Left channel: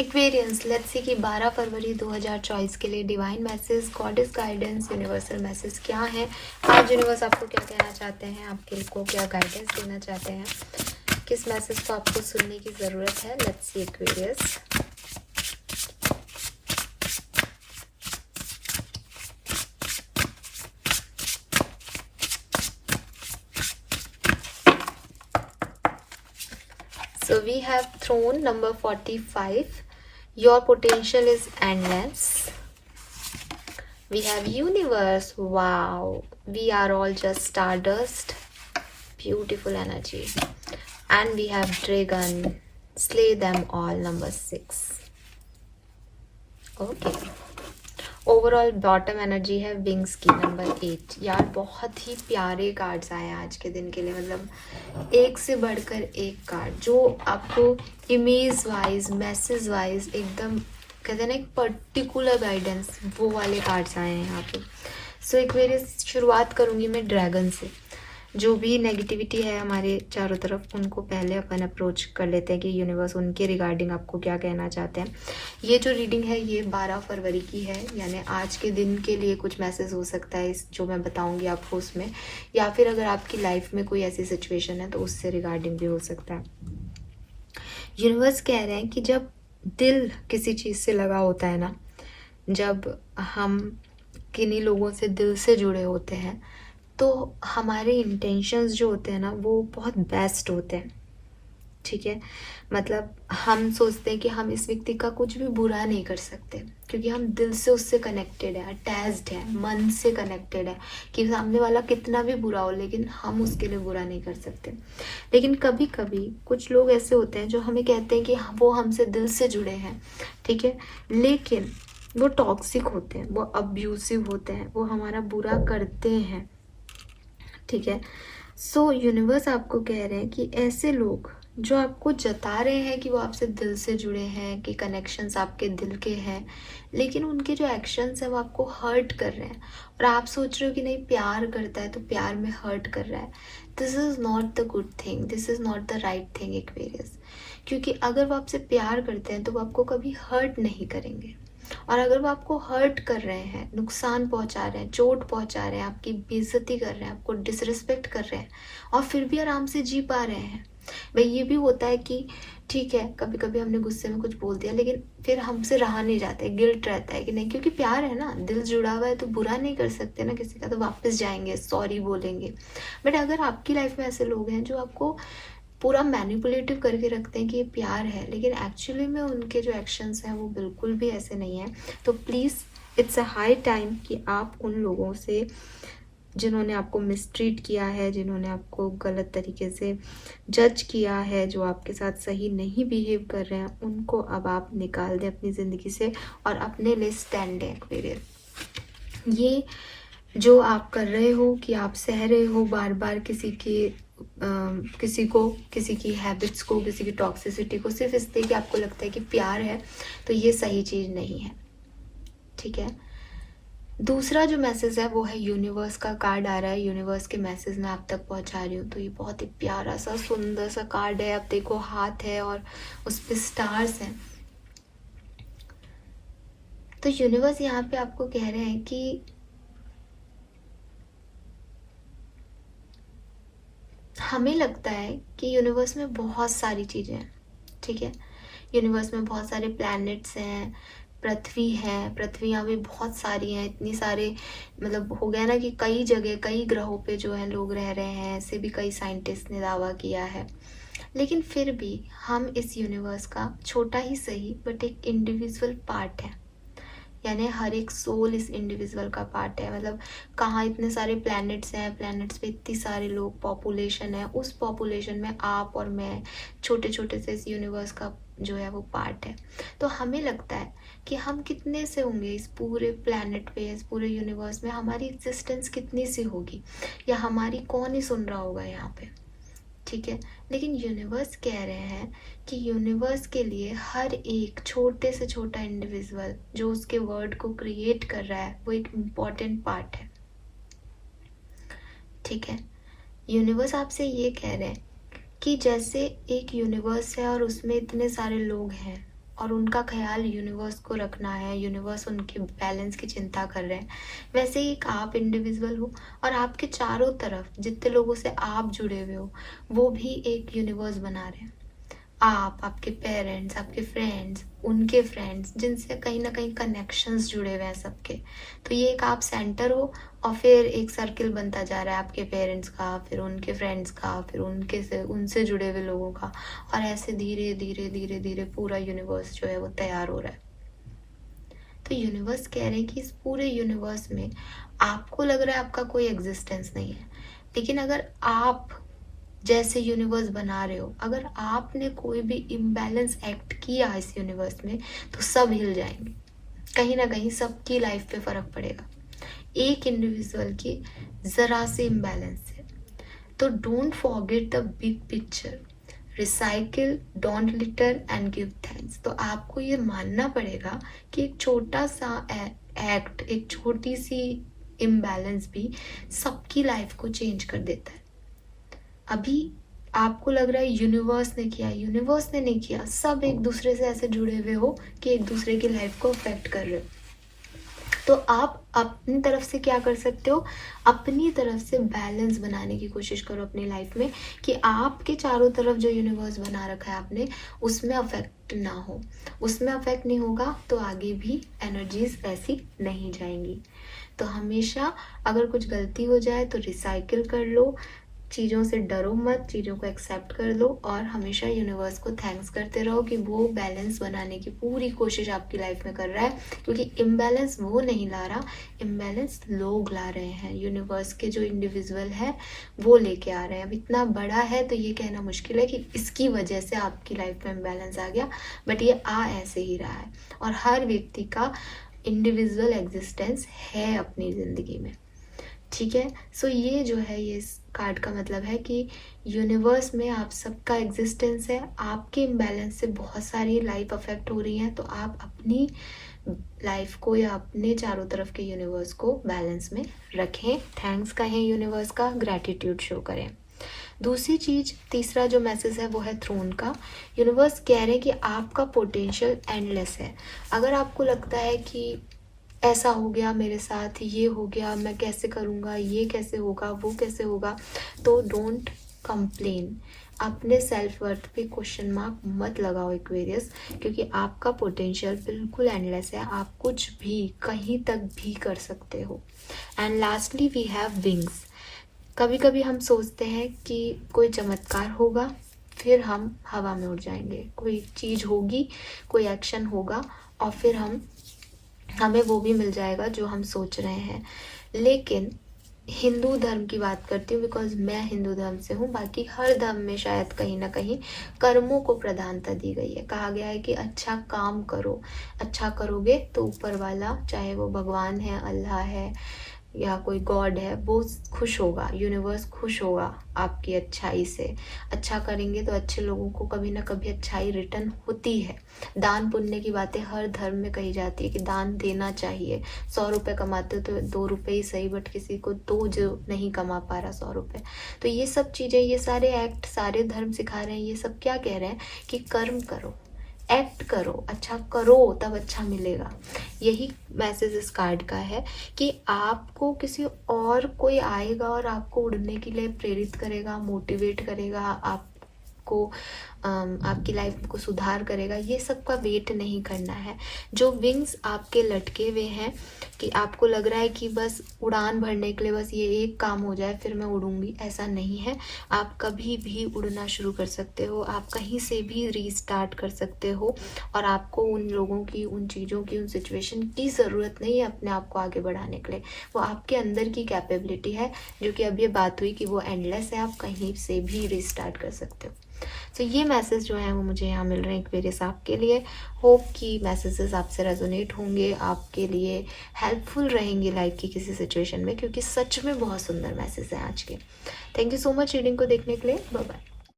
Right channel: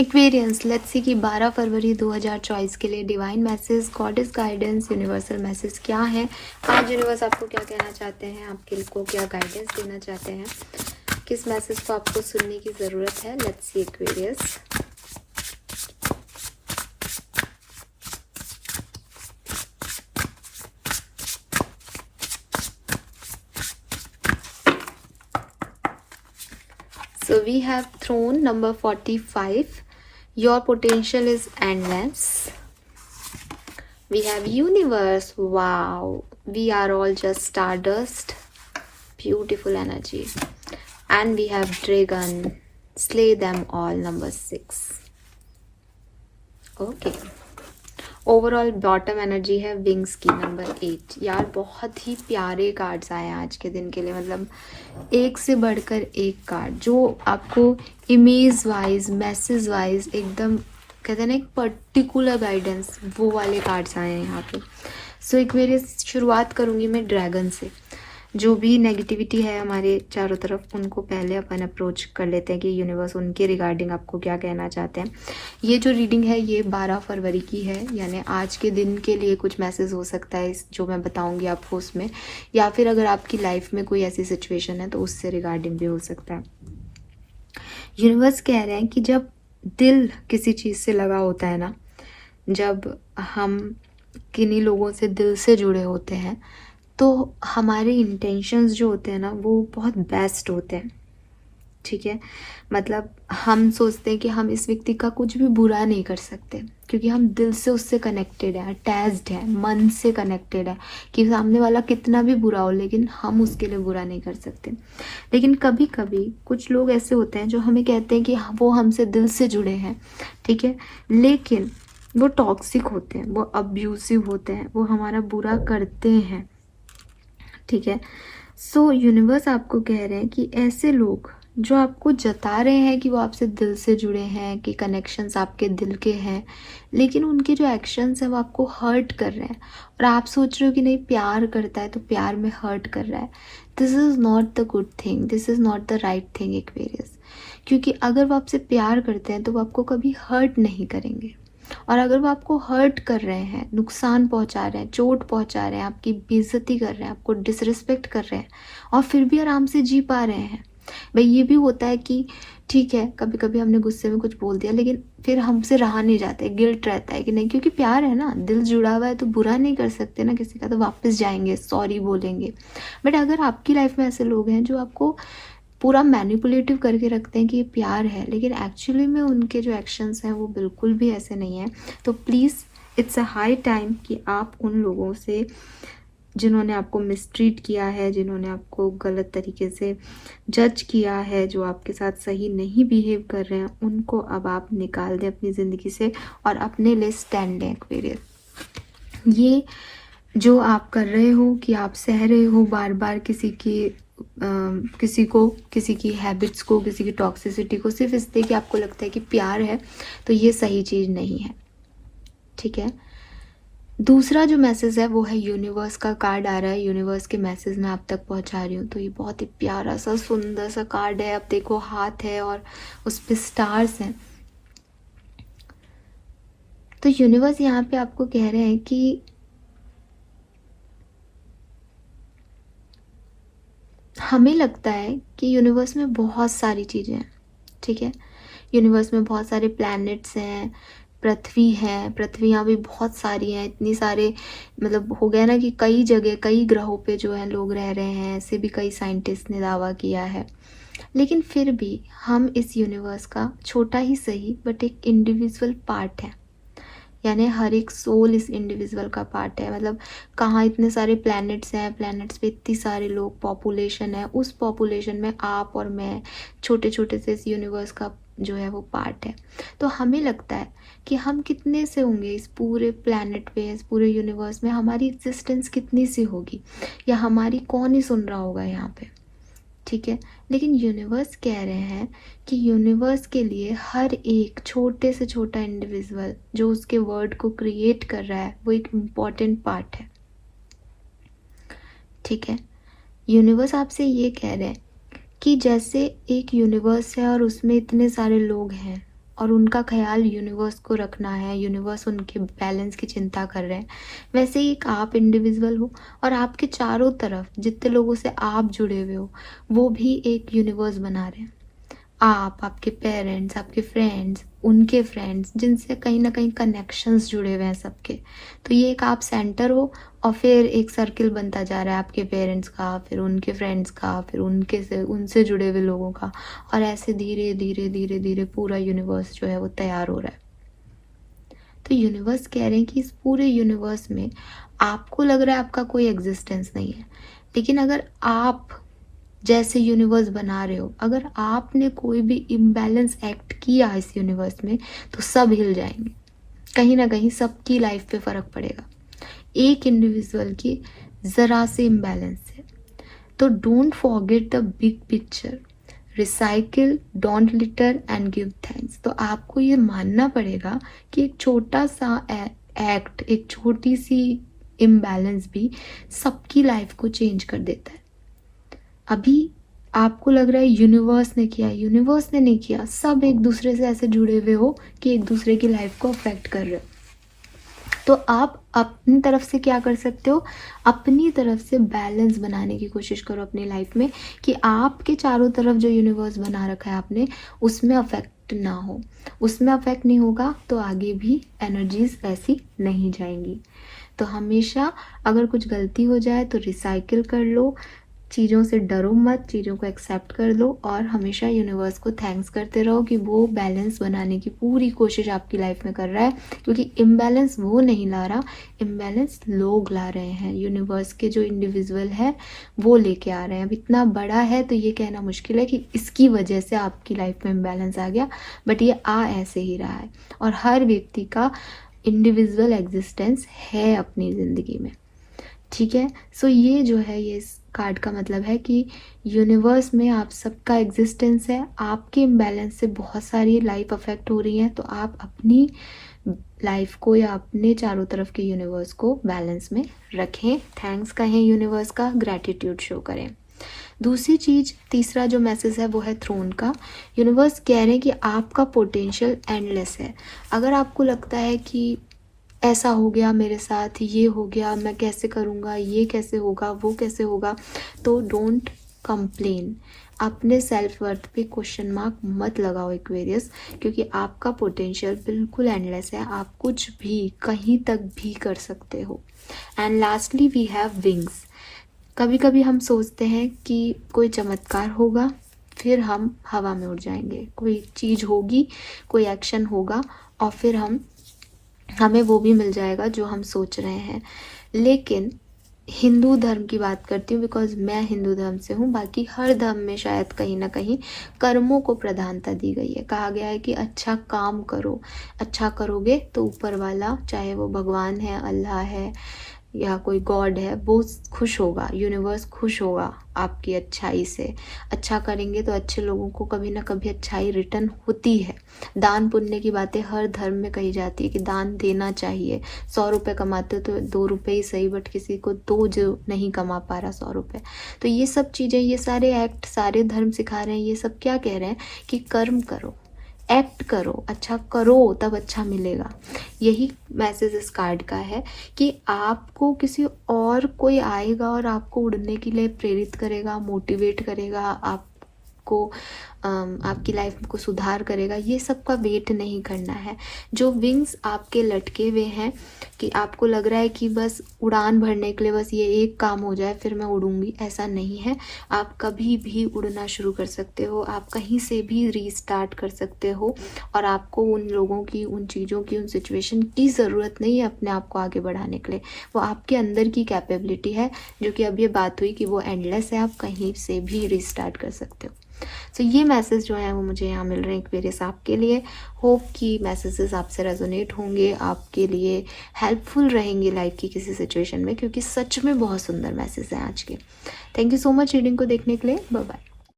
Aquarians, let's see कि 12 फरवरी 2024 के लिए divine message, goddess guidance, universal message क्या है। आज यूनिवर्स आपको क्या कहना चाहते हैं, आपके को क्या गाइडेंस देना चाहते हैं, किस मैसेज को आपको सुनने की ज़रूरत है। Let's see Aquarius. So we have throne number 45. Your potential is endless. We have universe. Wow. We are all just stardust. Beautiful energy. And we have dragon. Slay them all, number 6. Okay. Overall bottom energy है wings की, number 8। यार बहुत ही प्यारे cards आए आज के दिन के लिए, मतलब एक से बढ़कर एक कार्ड जो आपको इमेज वाइज, मैसेज वाइज एकदम कहते हैं ना एक पर्टिकुलर गाइडेंस, वो वाले कार्ड्स आए हैं यहाँ पे। सो एक मेरी शुरुआत करूँगी मैं ड्रैगन से। जो भी नेगेटिविटी है हमारे चारों तरफ, उनको पहले अपन अप्रोच कर लेते हैं कि यूनिवर्स उनके रिगार्डिंग आपको क्या कहना चाहते हैं। ये जो रीडिंग है ये 12 फरवरी की है, यानी आज के दिन के लिए कुछ मैसेज हो सकता है जो मैं बताऊंगी आपको उसमें, या फिर अगर आपकी लाइफ में कोई ऐसी सिचुएशन है तो उससे रिगार्डिंग भी हो सकता है। यूनिवर्स कह रहे हैं कि जब दिल किसी चीज़ से लगा होता है ना, जब हम किन्हीं लोगों से दिल से जुड़े होते हैं तो हमारे इंटेंशंस जो होते हैं ना वो बहुत बेस्ट होते हैं। ठीक है, मतलब हम सोचते हैं कि हम इस व्यक्ति का कुछ भी बुरा नहीं कर सकते क्योंकि हम दिल से उससे कनेक्टेड हैं, अटैच्ड हैं, मन से कनेक्टेड है कि सामने वाला कितना भी बुरा हो लेकिन हम उसके लिए बुरा नहीं कर सकते। लेकिन कभी कभी कुछ लोग ऐसे होते हैं जो हमें कहते हैं कि वो हमसे दिल से जुड़े हैं, ठीक है, लेकिन वो टॉक्सिक होते हैं, वो अब्यूसिव होते हैं, वो हमारा बुरा करते हैं। ठीक है, सो यूनिवर्स आपको कह रहे हैं कि ऐसे लोग जो आपको जता रहे हैं कि वो आपसे दिल से जुड़े हैं, कि कनेक्शंस आपके दिल के हैं, लेकिन उनके जो एक्शंस हैं वो आपको हर्ट कर रहे हैं और आप सोच रहे हो कि नहीं प्यार करता है तो प्यार में हर्ट कर रहा है। This is not the good thing, this is not the right thing Aquarius. क्योंकि अगर वो आपसे प्यार करते हैं तो वो आपको कभी हर्ट नहीं करेंगे, और अगर वो आपको हर्ट कर रहे हैं, नुकसान पहुंचा रहे हैं, चोट पहुंचा रहे हैं, आपकी बेइज्जती कर रहे हैं, आपको डिसरिस्पेक्ट कर रहे हैं और फिर भी आराम से जी पा रहे हैं। भाई ये भी होता है कि ठीक है कभी कभी हमने गुस्से में कुछ बोल दिया लेकिन फिर हमसे रहा नहीं जाता है, गिल्ट रहता है कि नहीं, क्योंकि प्यार है ना, दिल जुड़ा हुआ है तो बुरा नहीं कर सकते ना किसी का, तो वापस जाएंगे, सॉरी बोलेंगे। बट अगर आपकी लाइफ में ऐसे लोग हैं जो आपको पूरा मैनिपुलेटिव करके रखते हैं कि ये प्यार है, लेकिन एक्चुअली में उनके जो एक्शंस हैं वो बिल्कुल भी ऐसे नहीं है, तो please it's a high time कि आप उन लोगों से जिन्होंने आपको मिसट्रीट किया है, जिन्होंने आपको गलत तरीके से जज किया है, जो आपके साथ सही नहीं बिहेव कर रहे हैं, उनको अब आप निकाल दें अपनी ज़िंदगी से और अपने लिए स्टैंड लें एक्वेरियस। ये जो आप कर रहे हो कि आप सह रहे हो बार बार किसी की हैबिट्स को, किसी की टॉक्सिसिटी को, सिर्फ इसलिए कि आपको लगता है कि प्यार है, तो ये सही चीज़ नहीं है। ठीक है, दूसरा जो मैसेज है वो है यूनिवर्स का कार्ड आ रहा है, यूनिवर्स के मैसेज मैं आप तक पहुंचा रही हूँ। तो ये बहुत ही प्यारा सा सुंदर सा कार्ड है, अब देखो हाथ है और उस पर स्टार्स हैं। तो यूनिवर्स यहाँ पे आपको कह रहे हैं कि हमें लगता है कि यूनिवर्स में बहुत सारी चीज़ें हैं, ठीक है, यूनिवर्स में बहुत सारे प्लैनेट्स हैं, पृथ्वी है, पृथ्वियाँ भी बहुत सारी हैं, इतनी सारे, मतलब हो गया ना कि कई जगह कई ग्रहों पे जो है लोग रह रहे हैं, ऐसे भी कई साइंटिस्ट ने दावा किया है। लेकिन फिर भी हम इस यूनिवर्स का छोटा ही सही बट एक इंडिविजुअल पार्ट है, यानी हर एक सोल इस इंडिविजुअल का पार्ट है। मतलब कहाँ इतने सारे प्लैनेट्स हैं, प्लैनेट्स पे इतनी सारे लोग, पॉपुलेशन है, उस पॉपुलेशन में आप और मैं छोटे छोटे से इस यूनिवर्स का जो है वो पार्ट है। तो हमें लगता है कि हम कितने से होंगे इस पूरे प्लैनेट पे, इस पूरे यूनिवर्स में हमारी एग्जिस्टेंस कितनी सी होगी, या हमारी कौन ही सुन रहा होगा यहाँ पे। ठीक है, लेकिन यूनिवर्स कह रहे हैं कि यूनिवर्स के लिए हर एक छोटे से छोटा इंडिविजुअल जो उसके वर्ड को क्रिएट कर रहा है वो एक इम्पॉर्टेंट पार्ट है। ठीक है, यूनिवर्स आपसे ये कह रहे हैं कि जैसे एक यूनिवर्स है और उसमें इतने सारे लोग हैं और उनका ख्याल यूनिवर्स को रखना है, यूनिवर्स उनके बैलेंस की चिंता कर रहे हैं, वैसे ही एक आप इंडिविजुअल हो और आपके चारों तरफ जितने लोगों से आप जुड़े हुए हो वो भी एक यूनिवर्स बना रहे हैं। आप, आपके पेरेंट्स, आपके फ्रेंड्स, उनके फ्रेंड्स, जिनसे कहीं ना कहीं कनेक्शंस जुड़े हुए हैं सबके। तो ये एक आप सेंटर हो और फिर एक सर्किल बनता जा रहा है आपके पेरेंट्स का, फिर उनके फ्रेंड्स का, फिर उनसे जुड़े हुए लोगों का, और ऐसे धीरे धीरे धीरे धीरे पूरा यूनिवर्स जो है वो तैयार हो रहा है। तो यूनिवर्स कह रहे हैं कि इस पूरे यूनिवर्स में आपको लग रहा है आपका कोई एग्जिस्टेंस नहीं है, लेकिन अगर आप जैसे यूनिवर्स बना रहे हो, अगर आपने कोई भी इम्बैलेंस एक्ट किया इस यूनिवर्स में तो सब हिल जाएंगे, कहीं ना कहीं सबकी लाइफ पे फर्क पड़ेगा। एक इंडिविजुअल की जरा से इम्बैलेंस है। तो don't forget the big picture, recycle, don't litre and give thanks. तो आपको ये मानना पड़ेगा कि एक छोटा सा एक्ट, एक छोटी सी इम्बैलेंस भी सबकी लाइफ को चेंज कर देता है। अभी आपको लग रहा है यूनिवर्स ने किया, यूनिवर्स ने नहीं किया, सब एक दूसरे से ऐसे जुड़े हुए हो कि एक दूसरे की लाइफ को अफेक्ट कर रहे हो। तो आप अपनी तरफ से क्या कर सकते हो, अपनी तरफ से बैलेंस बनाने की कोशिश करो अपनी लाइफ में, कि आपके चारों तरफ जो यूनिवर्स बना रखा है आपने उसमें अफेक्ट ना हो। उसमें अफेक्ट नहीं होगा तो आगे भी एनर्जीज वैसी नहीं जाएंगी। तो हमेशा अगर कुछ गलती हो जाए तो रिसाइकिल कर लो, चीज़ों से डरो मत, चीज़ों को एक्सेप्ट कर लो और हमेशा यूनिवर्स को थैंक्स करते रहो कि वो बैलेंस बनाने की पूरी कोशिश आपकी लाइफ में कर रहा है। क्योंकि इम्बैलेंस वो नहीं ला रहा, इम्बैलेंस लोग ला रहे हैं। यूनिवर्स के जो इंडिविजुअल है वो लेके आ रहे हैं। अब इतना बड़ा है तो ये कहना मुश्किल है कि इसकी वजह से आपकी लाइफ में इम्बैलेंस आ गया, बट ये आ ऐसे ही रहा है। और हर व्यक्ति का इंडिविजुअल एग्जिस्टेंस है अपनी ज़िंदगी में, ठीक है। सो ये जो है, ये इस कार्ड का मतलब है कि यूनिवर्स में आप सबका एग्जिस्टेंस है। आपके इम्बैलेंस से बहुत सारी लाइफ अफेक्ट हो रही है, तो आप अपनी लाइफ को या अपने चारों तरफ के यूनिवर्स को बैलेंस में रखें, थैंक्स कहें यूनिवर्स का, ग्रैटिट्यूड शो करें। दूसरी चीज, तीसरा जो मैसेज है वो है थ्रोन का। यूनिवर्स कह रहे हैं कि आपका पोटेंशियल एंडलेस है। अगर आपको लगता है कि ऐसा हो गया मेरे साथ, ये हो गया, मैं कैसे करूँगा, ये कैसे होगा, वो कैसे होगा, तो डोंट कंप्लेन। अपने सेल्फ वर्थ पे क्वेश्चन मार्क मत लगाओ एक्वेरियस, क्योंकि आपका पोटेंशियल बिल्कुल एंडलेस है। आप कुछ भी कहीं तक भी कर सकते हो। And lastly we have wings. कभी कभी हम सोचते हैं कि कोई चमत्कार होगा, फिर हम हवा में उड़ जाएंगे, कोई चीज़ होगी, कोई एक्शन होगा और फिर हमें वो भी मिल जाएगा जो हम सोच रहे हैं। लेकिन हिंदू धर्म की बात करती हूँ बिकॉज मैं हिंदू धर्म से हूँ, बाकी हर धर्म में शायद कहीं ना कहीं कर्मों को प्रधानता दी गई है। कहा गया है कि अच्छा काम करो, अच्छा करोगे तो ऊपर वाला, चाहे वो भगवान है, अल्लाह है या कोई गॉड है, वो खुश होगा, यूनिवर्स खुश होगा आपकी अच्छाई से। अच्छा करेंगे तो अच्छे लोगों को कभी ना कभी अच्छाई रिटर्न होती है। दान पुण्य की बातें हर धर्म में कही जाती है कि दान देना चाहिए। 100 रुपये कमाते हो तो 2 रुपये ही सही, बट किसी को तो जो नहीं कमा पा रहा 100 रुपये। तो ये सब चीज़ें, ये सारे एक्ट सारे धर्म सिखा रहे हैं। ये सब क्या कह रहे हैं कि कर्म करो, एक्ट करो, अच्छा करो, तब अच्छा मिलेगा। यही मैसेज इस कार्ड का है कि आपको किसी और कोई आएगा और आपको उड़ने के लिए प्रेरित करेगा, मोटिवेट करेगा, आपको आपकी लाइफ को सुधार करेगा। ये सब का वेट नहीं करना है। जो विंग्स आपके लटके हुए हैं कि आपको लग रहा है कि बस उड़ान भरने के लिए बस ये एक काम हो जाए फिर मैं उड़ूंगी, ऐसा नहीं है। आप कभी भी उड़ना शुरू कर सकते हो, आप कहीं से भी रीस्टार्ट कर सकते हो और आपको उन लोगों की, उन चीज़ों की, उन सिचुएशन की ज़रूरत नहीं है अपने आप को आगे बढ़ाने के लिए। वो आपके अंदर की कैपेबिलिटी है, जो कि अब ये बात हुई कि वो एंडलेस है, आप कहीं से भी रीस्टार्ट कर सकते हो। सो ये मैसेज जो है वो मुझे यहाँ मिल रहे हैं एक्वेरियस आपके लिए। होप कि मैसेजेस आपसे रेजोनेट होंगे, आपके लिए हेल्पफुल रहेंगे लाइफ की किसी सिचुएशन में, क्योंकि सच में बहुत सुंदर मैसेज है आज के। Thank you so much reading को देखने के लिए। Bye bye.